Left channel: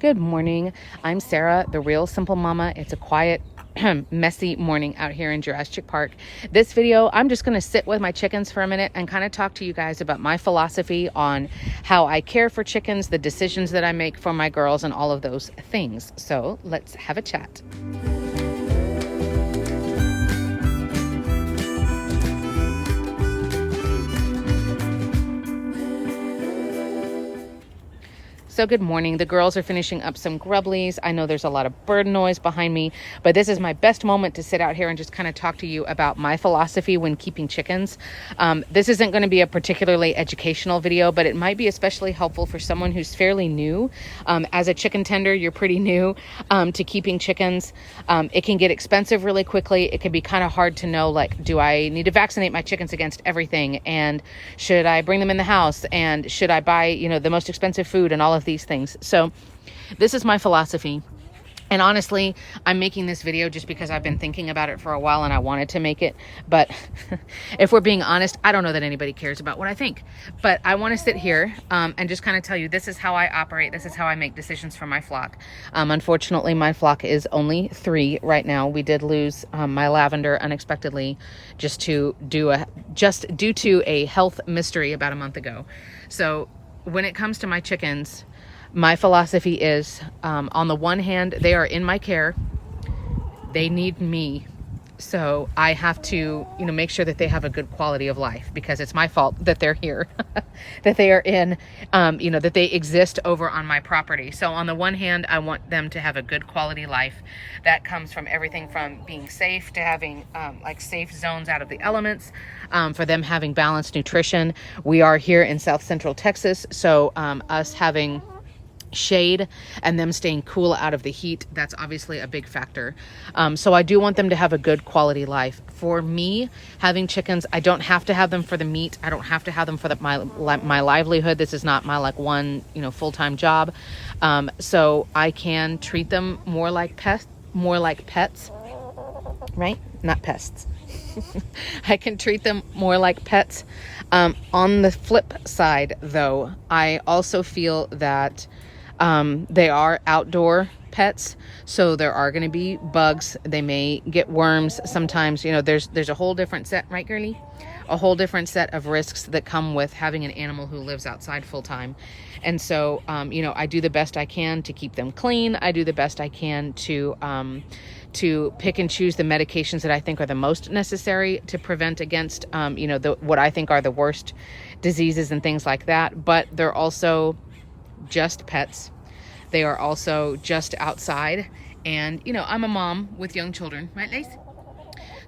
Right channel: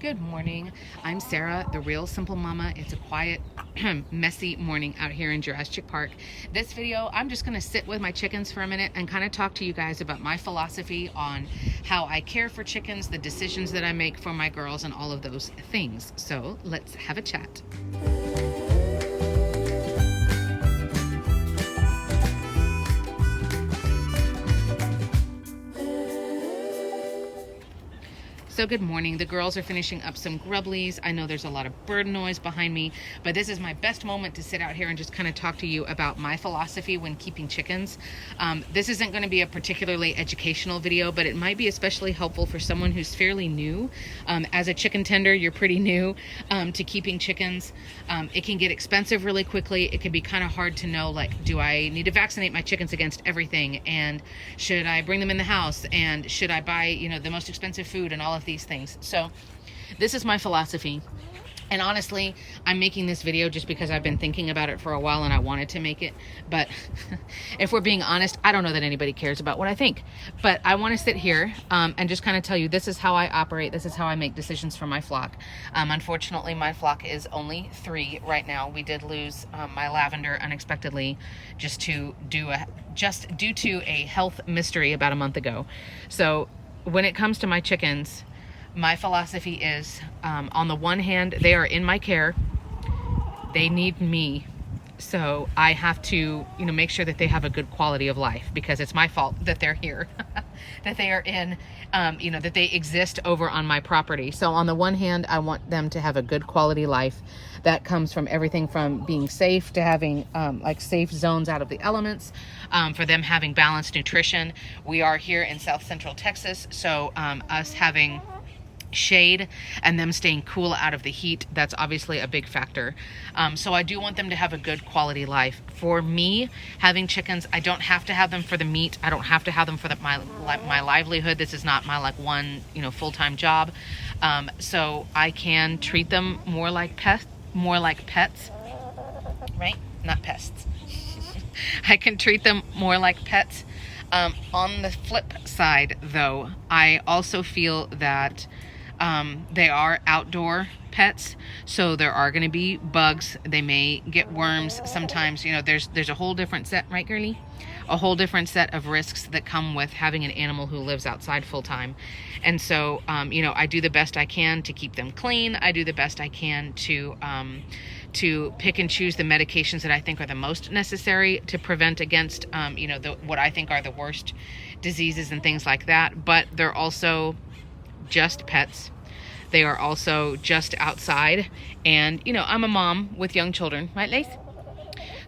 Good morning. I'm Sarah, the real simple mama. It's a quiet, messy morning out here in Jurasschic Park. This video, I'm just going to sit with my chickens for a minute and kind of talk to you guys about my philosophy on how I care for chickens, the decisions that I make for my girls, and all of those things. So let's have a chat. So good morning. The girls are finishing up some grubblies. I know there's a lot of bird noise behind me, but this is my best moment to sit out here and just kind of talk to you about my philosophy when keeping chickens. This isn't going to be a particularly educational video, but it might be especially helpful for someone who's fairly new. As a chicken tender, you're pretty new to keeping chickens. It can get expensive really quickly. It can be kind of hard to know, like, do I need to vaccinate my chickens against everything? And should I bring them in the house? And should I buy, the most expensive food and all of these things? So this is my philosophy. And honestly, I'm making this video just because I've been thinking about it for a while and I wanted to make it. But if we're being honest, I don't know that anybody cares about what I think. But I want to sit here and just kind of tell you, this is how I operate. This is how I make decisions for my flock. Unfortunately, my flock is only 3 right now. We did lose my lavender unexpectedly just due to a health mystery about a month ago. So when it comes to my chickens, my philosophy is, on the one hand, they are in my care. They need me. So I have to, make sure that they have a good quality of life, because it's my fault that they're here, that they are in, that they exist over on my property. So on the one hand, I want them to have a good quality life. That comes from everything from being safe to having safe zones out of the elements, for them having balanced nutrition. We are here in South Central Texas, so us having shade and them staying cool out of the heat, that's obviously a big factor. So I do want them to have a good quality life. For me, having chickens, I don't have to have them for the meat. I don't have to have them for my livelihood. This is not my one full-time job. So I can treat them more like pets, right? Not pests. I can treat them more like pets. On the flip side, though, I also feel that they are outdoor pets, so there are going to be bugs. They may get worms sometimes. There's a whole different set, right, girlie? A whole different set of risks that come with having an animal who lives outside full time. And so, I do the best I can to keep them clean. I do the best I can to pick and choose the medications that I think are the most necessary to prevent against, what I think are the worst diseases and things like that. But they're also just pets. They are also just outside. And, I'm a mom with young children, right, Lace?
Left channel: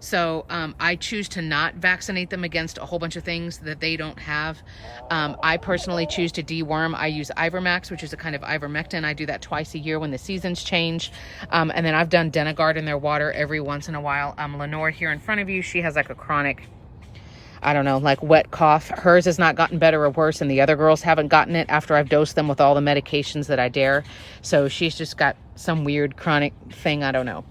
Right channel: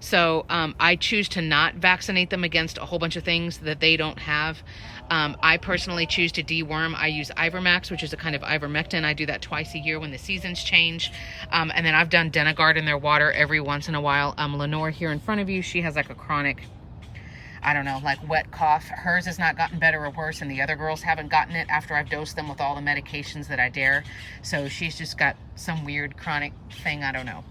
So I choose to not vaccinate them against a whole bunch of things that they don't have. I personally choose to deworm. I use Ivermax, which is a kind of ivermectin. I do that twice a year when the seasons change. And then I've done Denagard in their water every once in a while. Lenore here in front of you, she has a chronic, wet cough. Hers has not gotten better or worse, and the other girls haven't gotten it after I've dosed them with all the medications that I dare. So she's just got some weird chronic thing, I don't know.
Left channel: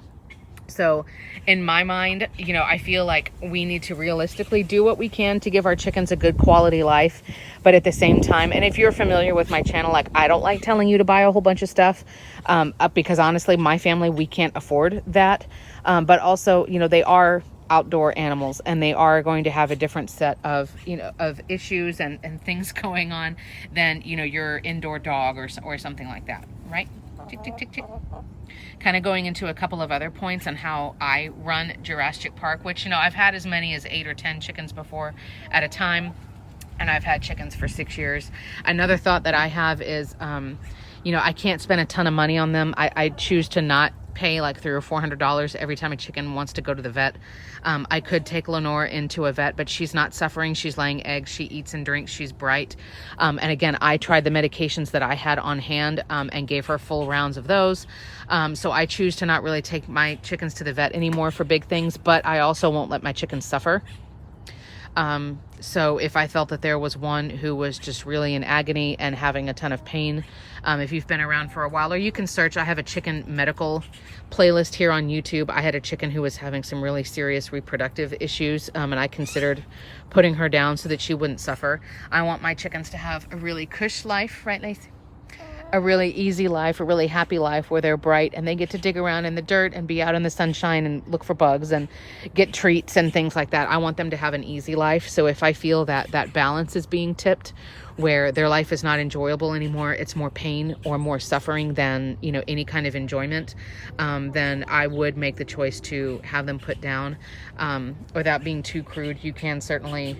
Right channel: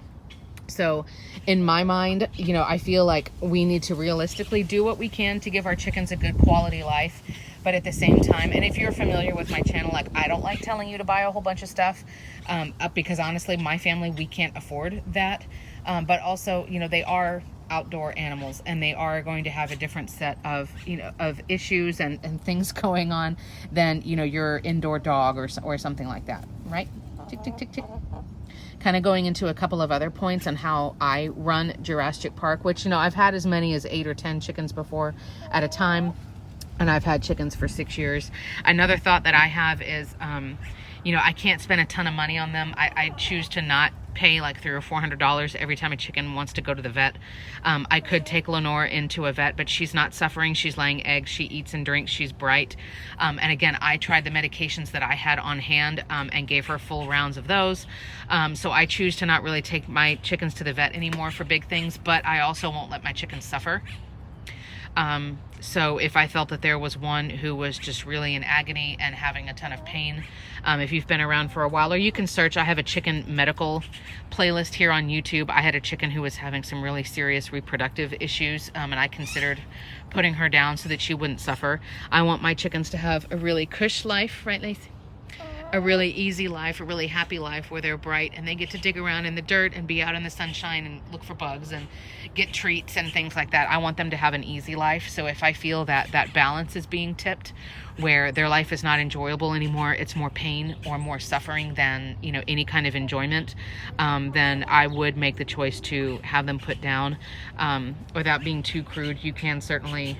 So in my mind, I feel like we need to realistically do what we can to give our chickens a good quality life. But at the same time, and if you're familiar with my channel, I don't like telling you to buy a whole bunch of stuff, because honestly, my family, we can't afford that. But also, they are outdoor animals, and they are going to have a different set of issues and things going on than your indoor dog or something like that, right? Tick tick tick tick. Kind of going into a couple of other points on how I run Jurasschic Park, which I've had as many as 8 or 10 chickens before at a time, and I've had chickens for 6 years. Another thought that I have is I can't spend a ton of money on them. I choose to not pay $300 or $400 every time a chicken wants to go to the vet. I could take Lenore into a vet, but she's not suffering. She's laying eggs. She eats and drinks. She's bright. And again, I tried the medications that I had on hand and gave her full rounds of those. So I choose to not really take my chickens to the vet anymore for big things, but I also won't let my chickens suffer. So if I felt that there was one who was just really in agony and having a ton of pain, if you've been around for a while, or you can search, I have a chicken medical playlist here on YouTube. I had a chicken who was having some really serious reproductive issues, and I considered putting her down so that she wouldn't suffer. I want my chickens to have a really cush life, right, Lacey? a really easy life, a really happy life where they're bright and they get to dig around in the dirt and be out in the sunshine and look for bugs and get treats and things like that. I want them to have an easy life. So if I feel that that balance is being tipped, where their life is not enjoyable anymore, it's more pain or more suffering than, you know, any kind of enjoyment, then I would make the choice to have them put down. Without being too crude, you can certainly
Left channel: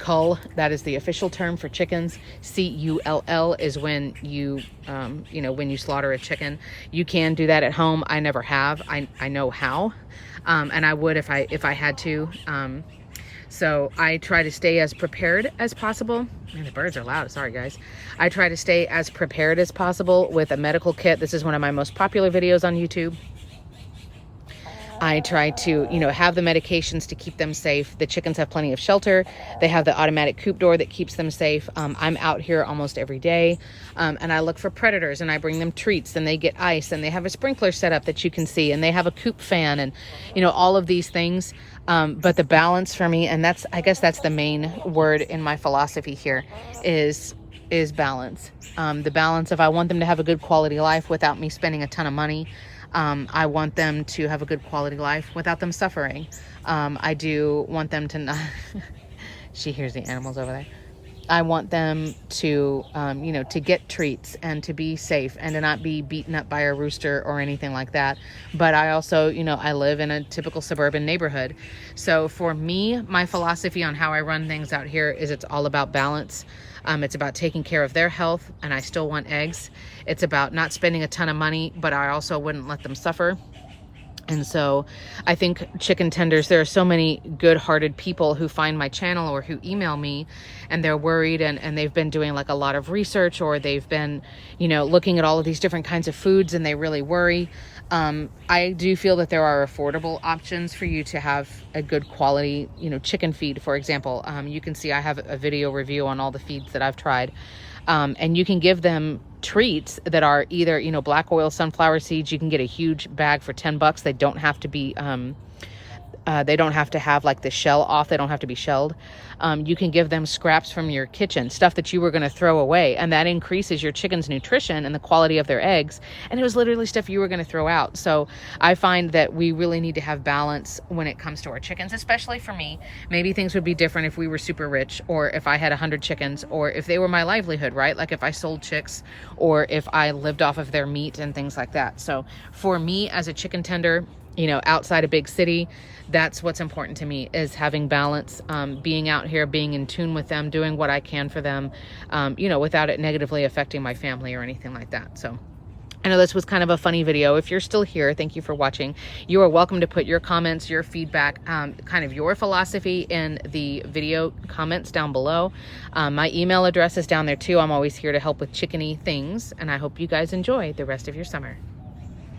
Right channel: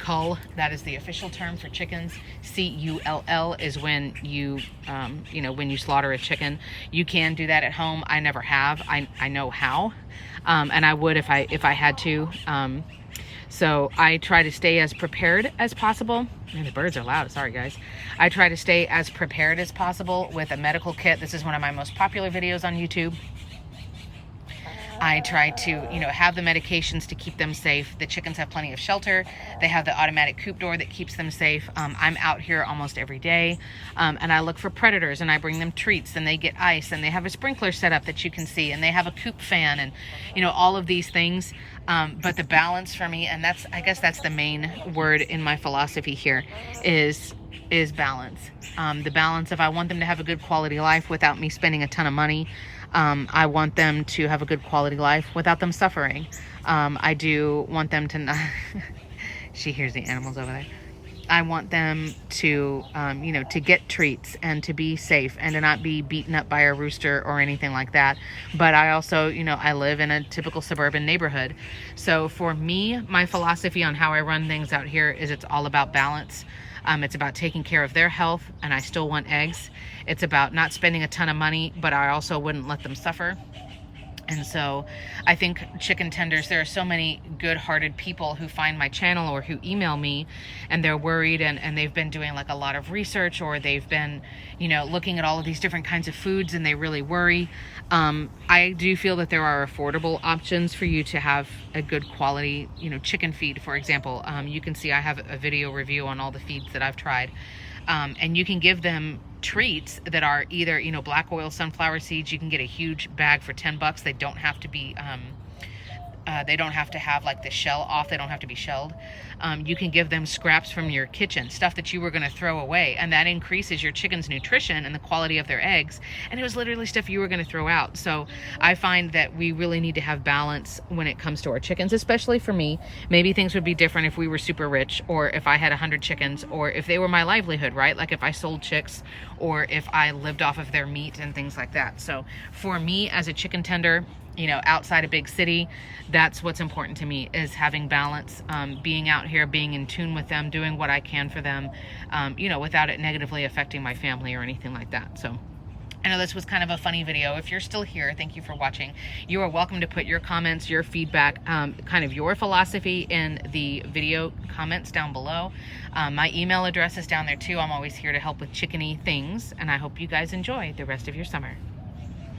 cull. That is the official term for chickens. C-U-L-L is when you, you know, when you slaughter a chicken. You can do that at home. I never have. I know how, and I would if I had to. So I try to stay as prepared as possible. Man, the birds are loud. Sorry, guys. I try to stay as prepared as possible with a medical kit. This is one of my most popular videos on YouTube. I try to, you know, have the medications to keep them safe. The chickens have plenty of shelter. They have the automatic coop door that keeps them safe. I'm out here almost every day, and I look for predators, and I bring them treats, and they get ice, and they have a sprinkler set up that you can see, and they have a coop fan, and, you know, all of these things. But the balance for me, and I guess that's the main word in my philosophy here, is balance. The balance of, I want them to have a good quality life without me spending a ton of money. I want them to have a good quality life without them suffering. I do want them to not, she hears the animals over there. I want them to, you know, to get treats and to be safe and to not be beaten up by a rooster or anything like that. But I also, you know, I live in a typical suburban neighborhood. So for me, my philosophy on how I run things out here is it's all about balance. It's about taking care of their health, and I still want eggs. It's about not spending a ton of money, but I also wouldn't let them suffer. And so I think chicken tenders, there are so many good-hearted people who find my channel or who email me, and they're worried, and they've been doing like a lot of research, or they've been, you know, looking at all of these different kinds of foods, and they really worry. I do feel that there are affordable options for you to have a good quality, you know, chicken feed, for example. You can see I have a video review on all the feeds that I've tried. And you can give them treats that are either, you know, black oil sunflower seeds. You can get a huge bag for $10. They don't have to be, they don't have to have like the shell off. They don't have to be shelled. You can give them scraps from your kitchen, stuff that you were going to throw away, and that increases your chicken's nutrition and the quality of their eggs. And it was literally stuff you were going to throw out. So I find that we really need to have balance when it comes to our chickens, especially for me. Maybe things would be different if we were super rich, or if I had 100 chickens, or if they were my livelihood, right? Like if I sold chicks, or if I lived off of their meat and things like that. So for me as a chicken tender, you know, outside a big city, that's what's important to me, is having balance, being out here, being in tune with them, doing what I can for them, you know, without it negatively affecting my family or anything like that. So I know this was kind of a funny video. If you're still here, thank you for watching. You are welcome to put your comments, your feedback, kind of your philosophy in the video comments down below. My email address is down there too. I'm always here to help with chickeny things, and I hope you guys enjoy the rest of your summer.